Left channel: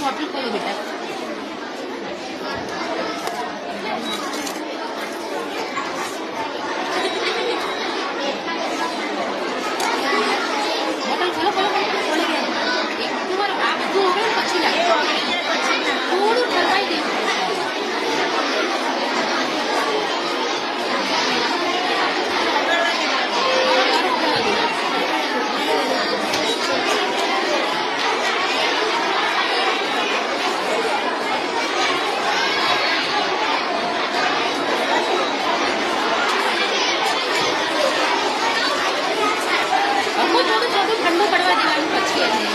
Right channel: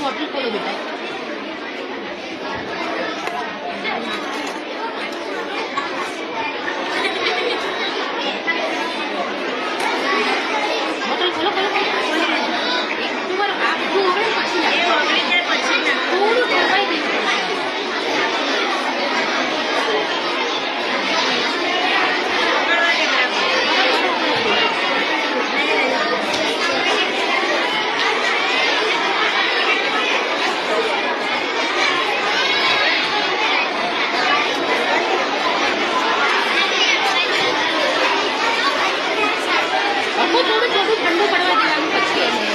बोतल खोलो बेटा। बोतल खोलो खोलो एक तुम्हारा आप जो हो रहा है पछी लगे थोड़ा करवाई दे ठंडू पड़वा देवानुं पछी એને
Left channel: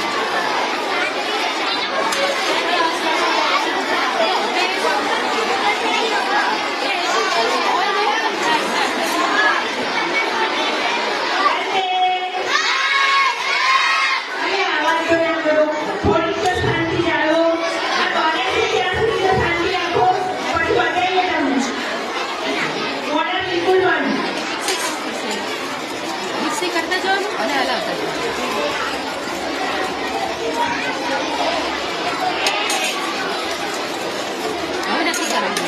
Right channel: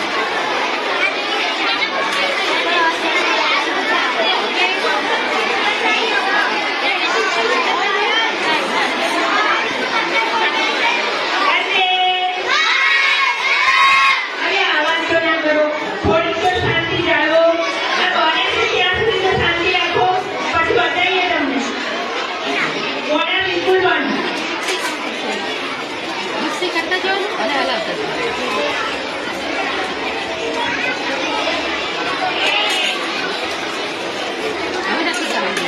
करता जाओ અને હલાવતા જાઓ। હવે નથી કરવાનું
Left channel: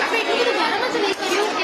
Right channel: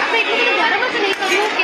આપણે એટલું બધું ગરમ જ નહીં કર્યું